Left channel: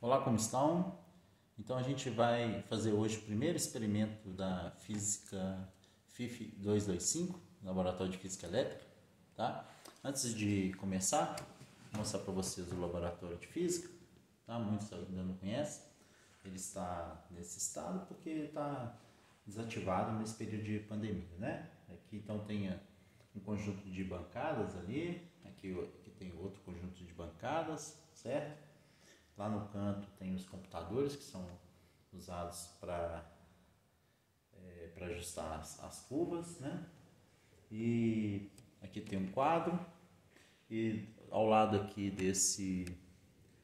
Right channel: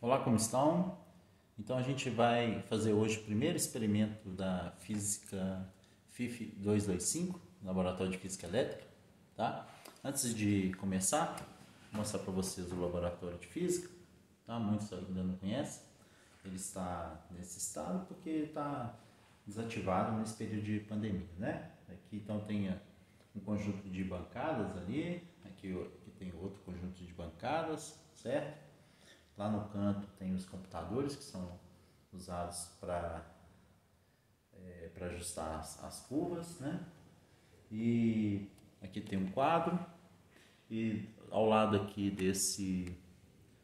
Olá, como estão? Então a gente vai fazer hoje o primeiro experimento da física FIF 225, Laboratório de Física Elétrica, tá? Antes de começar, vou mostrar para vocês o laboratório de física, tá? Muitos ainda não conhecem. Ele está nesse estado porque está desativado nesse período de pandemia, né? Aqui então tem um conjunto de bancadas ali, aqui tem outro conjunto de bancadas, certo? Lá no canto tem os computadores que são usados para ajustar as curvas, né? E aqui tem um quadro e ao lado aqui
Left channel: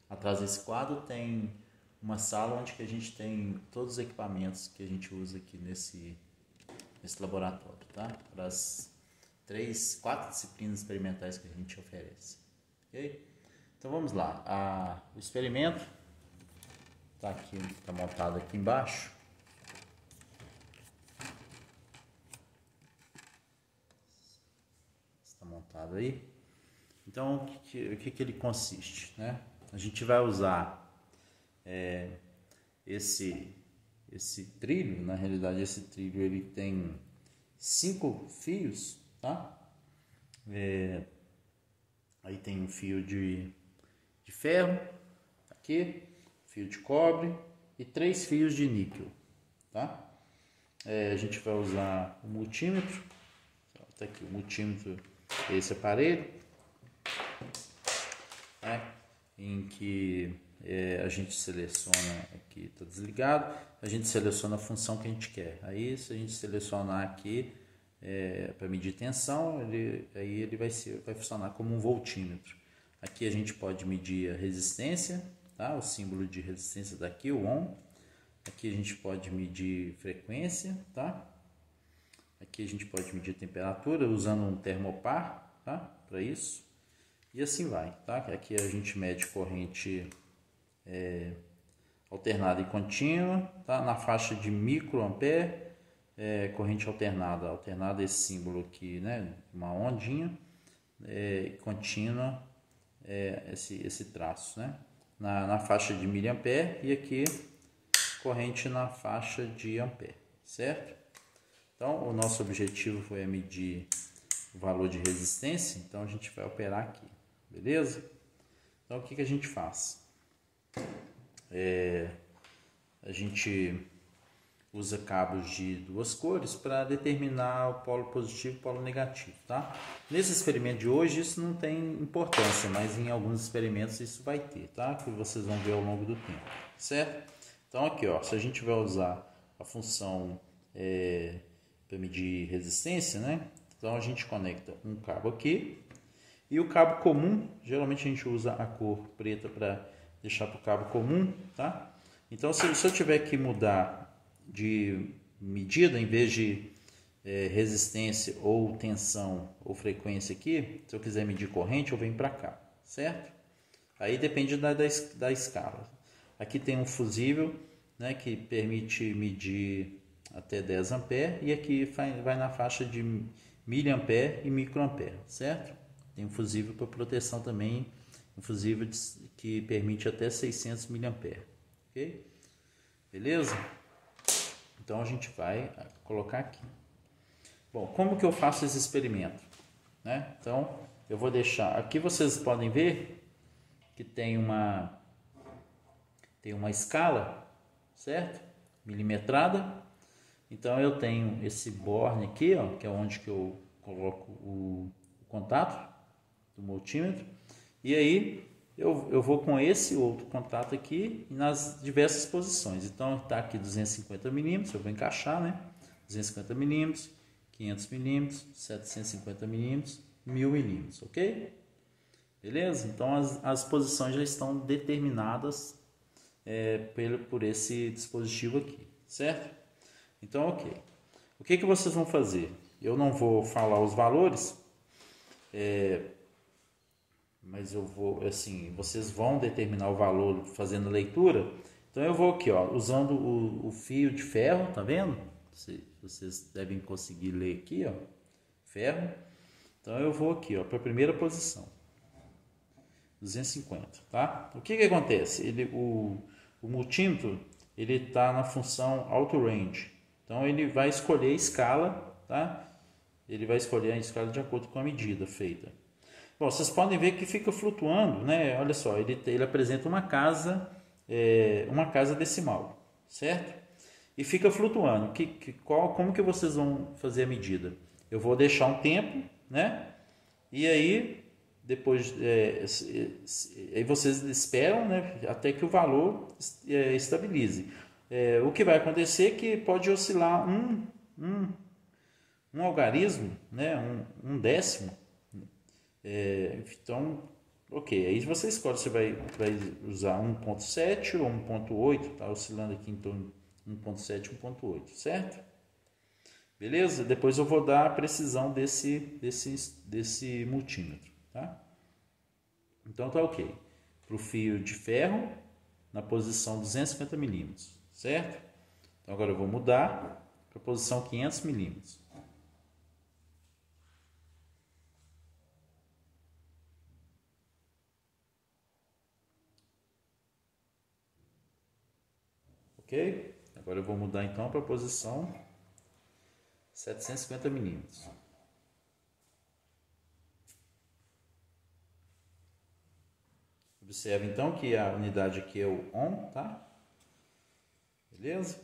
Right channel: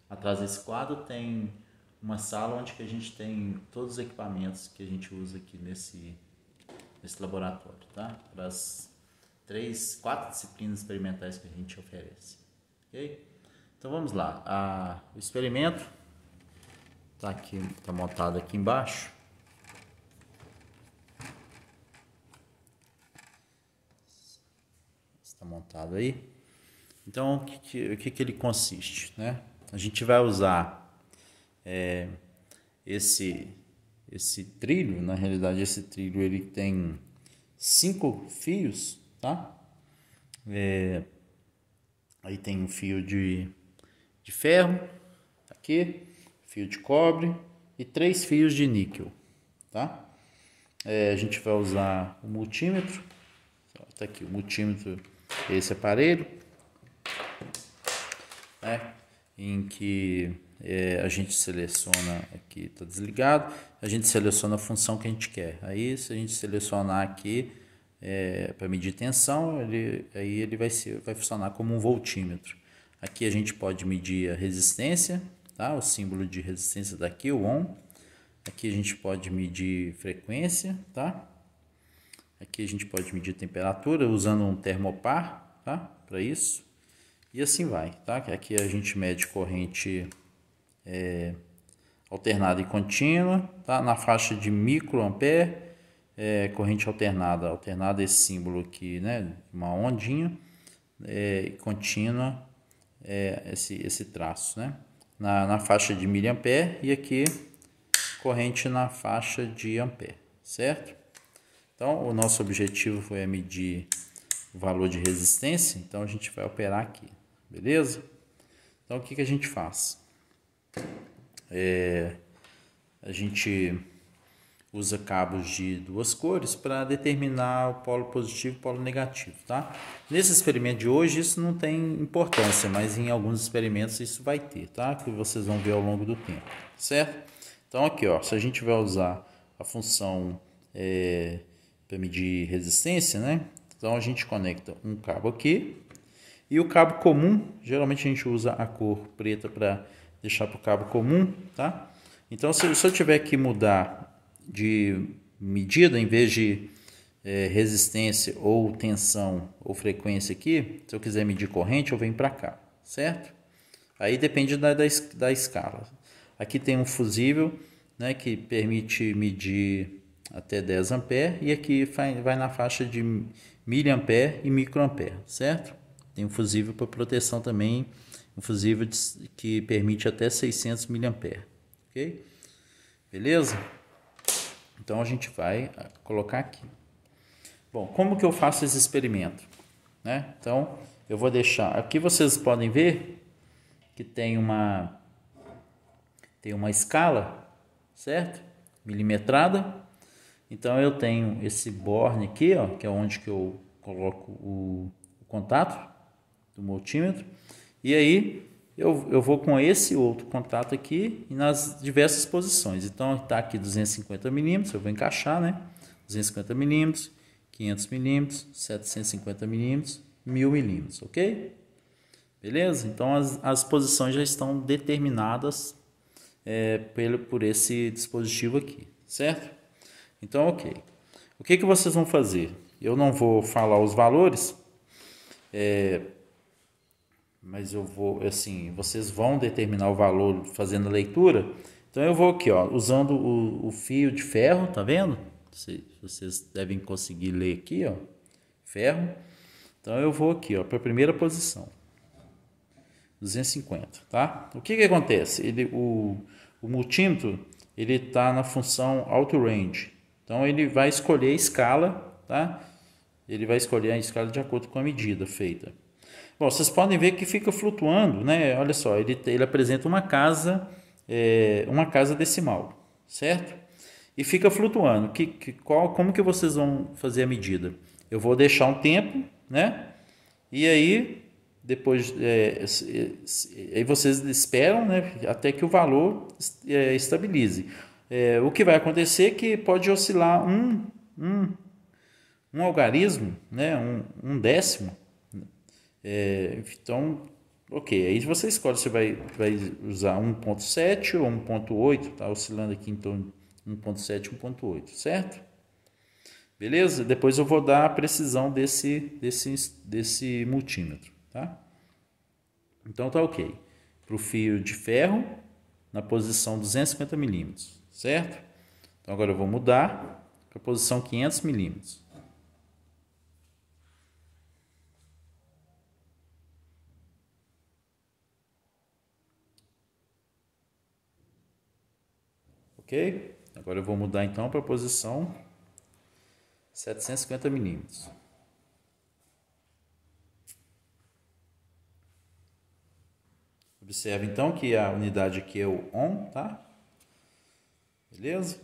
atrás desse quadro tem uma sala onde que a gente tem todos os equipamentos que a gente usa aqui nesse laboratório, tá? Para as 4 disciplinas experimentais que a gente oferece, ok? Então vamos lá, o experimento está montado aqui embaixo. Está montado aí. Então o que ele consiste, né? A gente vai usar esse trilho. Na realidade esse trilho ele tem 5 fios, tá? Aí tem um fio de ferro aqui, fio de cobre e 3 fios de níquel, tá? A gente vai usar o multímetro, tá aqui o multímetro, esse aparelho, né? Em que a gente seleciona, aqui está desligado, a gente seleciona a função que a gente quer. Aí se a gente selecionar aqui para medir tensão, ele vai funcionar como um voltímetro. Aqui a gente pode medir a resistência, tá? O símbolo de resistência daqui, o ohm. Aqui a gente pode medir frequência, tá? Aqui a gente pode medir temperatura usando um termopar, tá? Para isso. E assim vai, tá? Aqui a gente mede corrente alternada e contínua, tá? Na faixa de microampere, corrente alternada esse símbolo aqui, né? Uma ondinha, contínua, esse traço, né? Na faixa de miliampere, e aqui corrente na faixa de ampere, certo? Então o nosso objetivo é medir o valor de resistência, então a gente vai operar aqui, beleza? Então o que a gente faz? A gente usa cabos de 2 cores para determinar o polo positivo e o polo negativo, tá? Nesse experimento de hoje isso não tem importância, mas em alguns experimentos isso vai ter, tá? Que vocês vão ver ao longo do tempo, certo? Então aqui, ó, se a gente vai usar a função para medir resistência, né? Então a gente conecta um cabo aqui e o cabo comum, geralmente a gente usa a cor preta para deixar para o cabo comum, tá? Então se eu tiver que mudar de medida, em vez de resistência ou tensão ou frequência aqui, se eu quiser medir corrente, eu venho para cá, certo? Aí depende da escala. Aqui tem um fusível, né, que permite medir até 10 ampere, e aqui vai na faixa de miliampere e microampere, certo? Tem um fusível para proteção também, um fusível que permite até 600 miliampere, ok? Beleza? Então a gente vai colocar aqui. Bom, como que eu faço esse experimento, né? Então eu vou deixar, aqui vocês podem ver que tem uma escala, certo? Milimetrada. Então eu tenho esse borne aqui, ó, que é onde que eu coloco o contato do multímetro. E aí eu vou com esse outro contato aqui nas diversas posições. Então está aqui 250 milímetros, eu vou encaixar, né? 250 milímetros, 500 milímetros, 750 milímetros, 1000 milímetros, ok? Beleza? Então as posições já estão determinadas por esse dispositivo aqui, certo? Então, ok. O que vocês vão fazer? Eu não vou falar os valores, mas eu vou, assim, vocês vão determinar o valor fazendo a leitura. Então eu vou aqui, ó, usando o fio de ferro, tá vendo? Vocês devem conseguir ler aqui, ó, ferro. Então eu vou aqui, ó, para a primeira posição. 250, tá? O que acontece? O multímetro, ele está na função auto range. Então, ele vai escolher a escala, tá? Ele vai escolher a escala de acordo com a medida feita. Bom, vocês podem ver que fica flutuando, né? Olha só, ele apresenta uma casa decimal, certo? E fica flutuando. Como que vocês vão fazer a medida? Eu vou deixar um tempo, né? E aí, depois, aí vocês esperam, né? Até que o valor estabilize. O que vai acontecer é que pode oscilar um algarismo, né? Um décimo. Então, ok, aí você escolhe se vai usar 1.7 ou 1.8, tá oscilando aqui em torno de 1.7 e 1.8, certo? Beleza? Depois eu vou dar a precisão desse multímetro, tá? Então tá ok. Para o fio de ferro, na posição 250 milímetros, certo? Então agora eu vou mudar para a posição 500 milímetros. Ok? Agora eu vou mudar então para a posição 750 milímetros. Observe então que a unidade aqui é o ohm, tá? Beleza?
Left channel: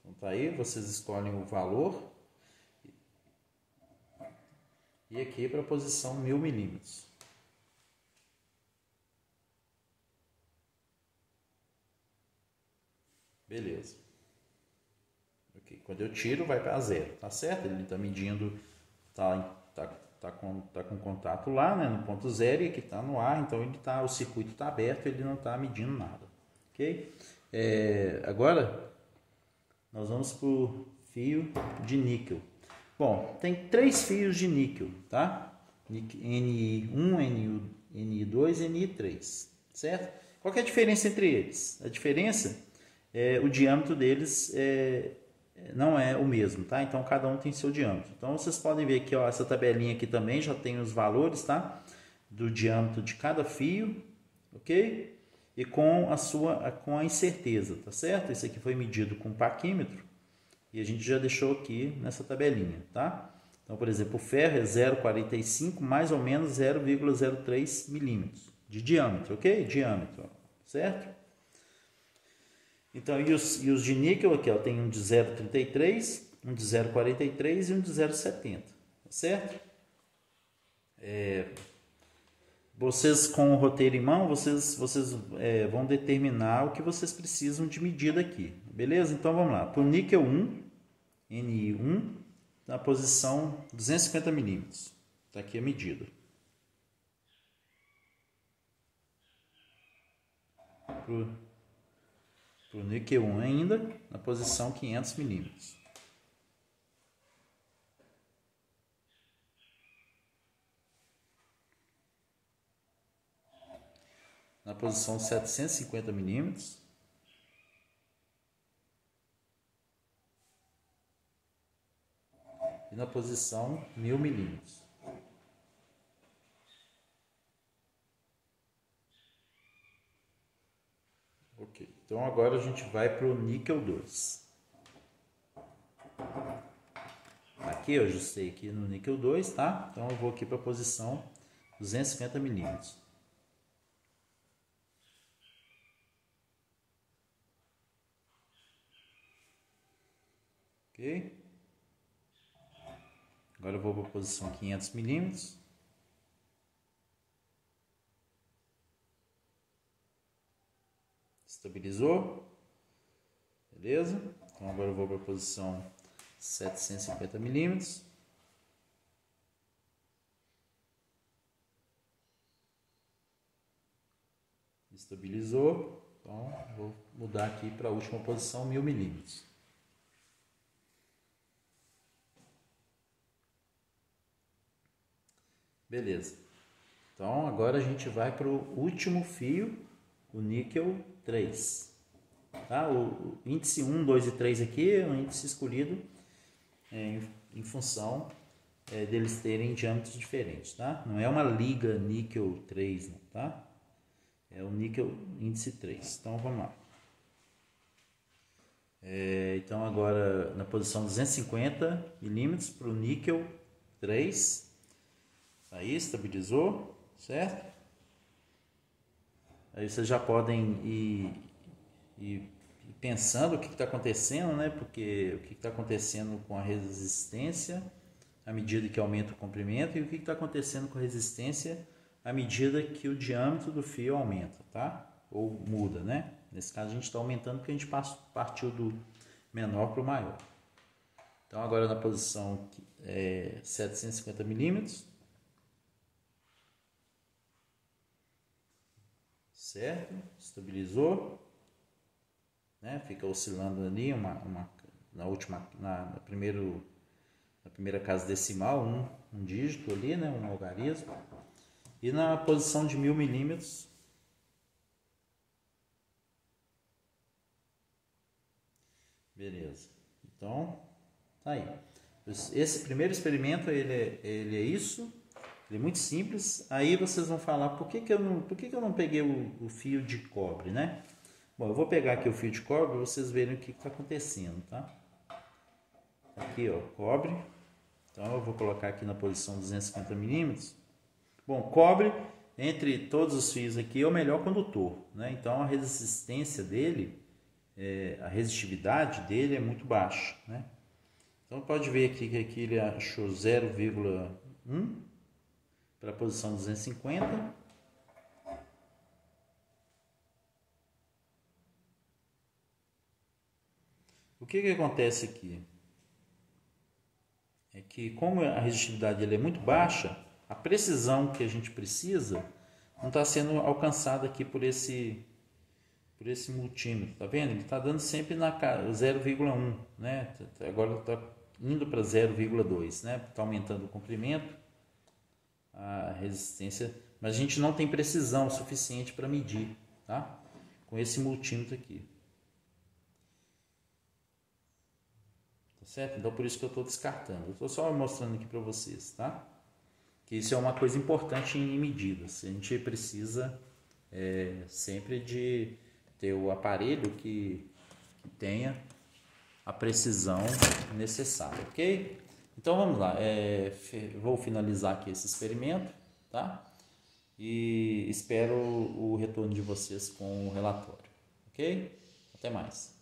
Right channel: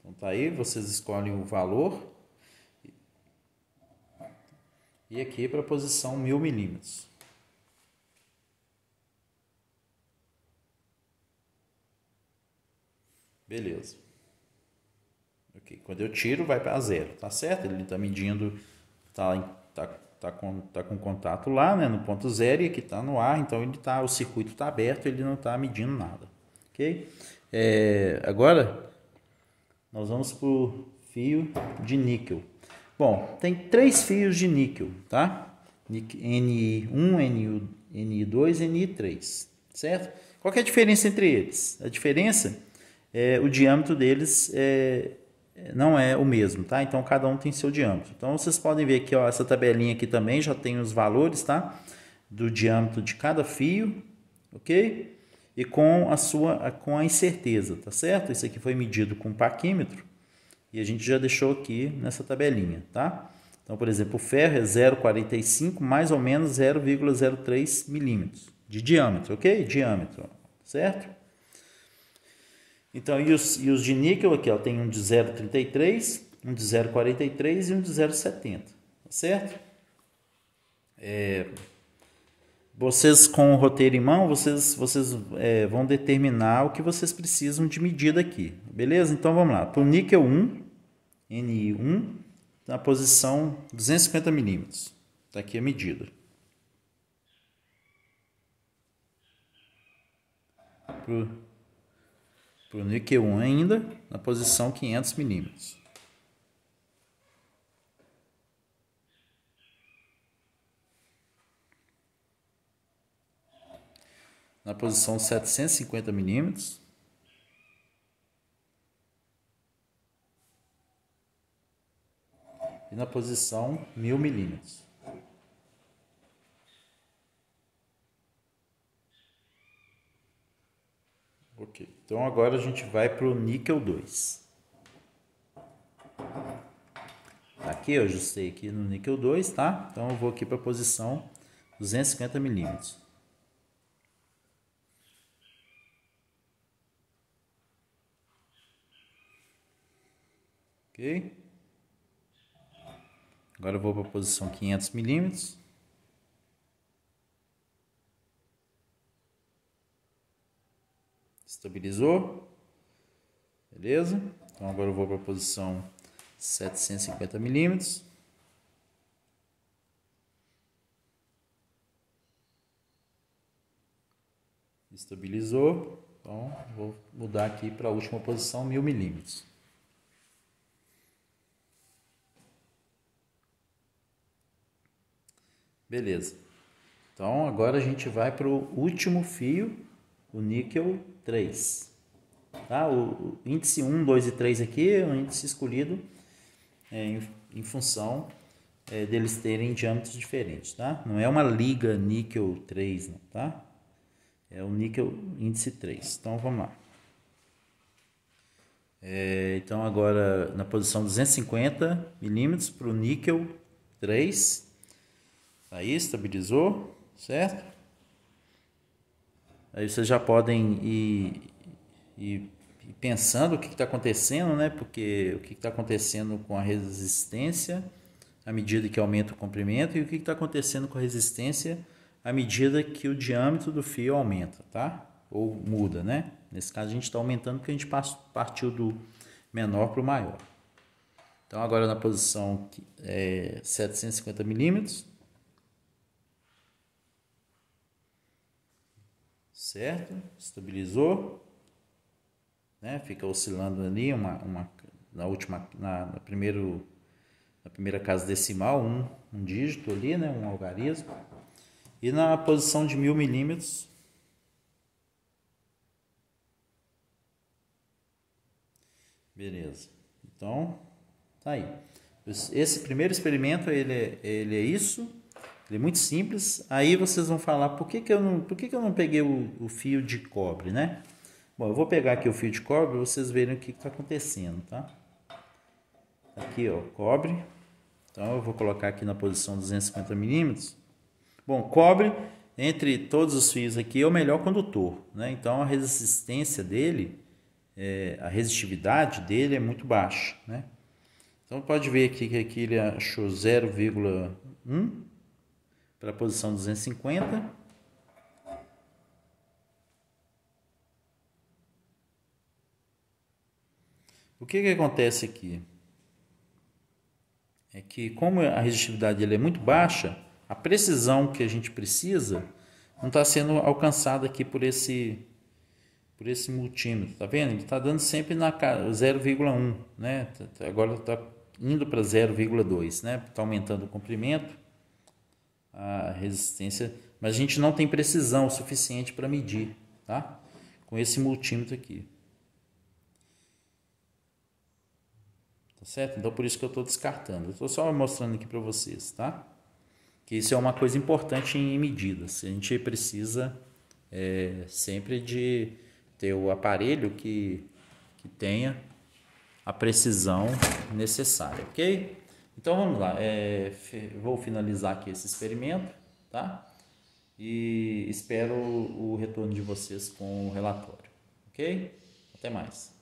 Então tá aí, vocês escolhem o valor. E aqui para a posição 1000 milímetros. Beleza. Ok, quando eu tiro vai para zero, tá certo? Ele está medindo, tá com contato lá, né, no ponto zero, e aqui está no ar, então o circuito está aberto, ele não está medindo nada, ok? Agora nós vamos para o fio de níquel. Bom, tem 3 fios de níquel, tá? NI1, NI2 e NI3, certo? Qual que é a diferença entre eles? A diferença é o diâmetro deles não é o mesmo, tá? Então cada um tem seu diâmetro. Então vocês podem ver aqui, ó, essa tabelinha aqui também já tem os valores, tá? Do diâmetro de cada fio, ok? E com a incerteza, tá certo? Isso aqui foi medido com paquímetro e a gente já deixou aqui nessa tabelinha, tá? Então, por exemplo, o ferro é 0,45 mais ou menos 0,03 milímetros de diâmetro, ok? Diâmetro, certo? Então, e os de níquel aqui, ó, tem um de 0,33, um de 0,43 e um de 0,70, tá certo? Vocês com o roteiro em mão, vocês vão determinar o que vocês precisam de medida aqui, beleza? Então, vamos lá. Para o níquel 1, NI1, na posição 250 milímetros. Está aqui a medida. Para o níquel 1 ainda, na posição 500 milímetros. Na posição 750 milímetros. E na posição 1000 milímetros. Ok, então agora a gente vai para o níquel 2. Aqui eu ajustei aqui no níquel 2, tá? Então eu vou aqui para a posição 250 milímetros. Ok? Agora eu vou para a posição 500 milímetros. Estabilizou. Beleza? Então agora eu vou para a posição 750 milímetros. Estabilizou. Então vou mudar aqui para a última posição, 1000 milímetros. Beleza. Então agora a gente vai para o último fio, o níquel 3. Tá? O índice 1, 2 e 3 aqui é um índice escolhido em função deles terem diâmetros diferentes, tá? Não é uma liga níquel 3, não, tá? É o níquel índice 3. Então vamos lá. Então agora na posição 250 milímetros para o níquel 3. Aí estabilizou, certo? Aí vocês já podem ir pensando o que está acontecendo, né? Porque o que está acontecendo com a resistência à medida que aumenta o comprimento e o que está acontecendo com a resistência à medida que o diâmetro do fio aumenta, tá? Ou muda, né? Nesse caso a gente está aumentando porque a gente partiu do menor para o maior. Então agora na posição 750 milímetros, certo? Estabilizou, né? Fica oscilando ali na primeira casa decimal, um dígito ali, né? Um algarismo. E na posição de 1000 milímetros, beleza. Então, tá aí. Esse primeiro experimento, ele é isso. Ele é muito simples. Aí vocês vão falar, por que eu não peguei o fio de cobre, né? Bom, eu vou pegar aqui o fio de cobre para vocês verem o que está acontecendo, tá? Aqui, ó, cobre. Então, eu vou colocar aqui na posição 250 milímetros. Bom, cobre, entre todos os fios aqui, é o melhor condutor, né? Então, a resistência dele, a resistividade dele é muito baixa, né? Então, pode ver aqui que aqui ele achou 0,1 para a posição 250. O que acontece aqui? É que como a resistividade dele é muito baixa, a precisão que a gente precisa não está sendo alcançada aqui por esse multímetro, tá vendo? Ele está dando sempre na 0,1, né? Agora está indo para 0,2, né? Está aumentando o comprimento, a resistência, mas a gente não tem precisão suficiente para medir, tá? Com esse multímetro aqui. Tá certo? Então por isso que eu estou descartando. Eu estou só mostrando aqui para vocês, tá? Que isso é uma coisa importante em medidas. A gente precisa sempre de ter o aparelho que tenha a precisão necessária, ok? Então vamos lá, vou finalizar aqui esse experimento, tá? E espero o retorno de vocês com o relatório, ok? Até mais.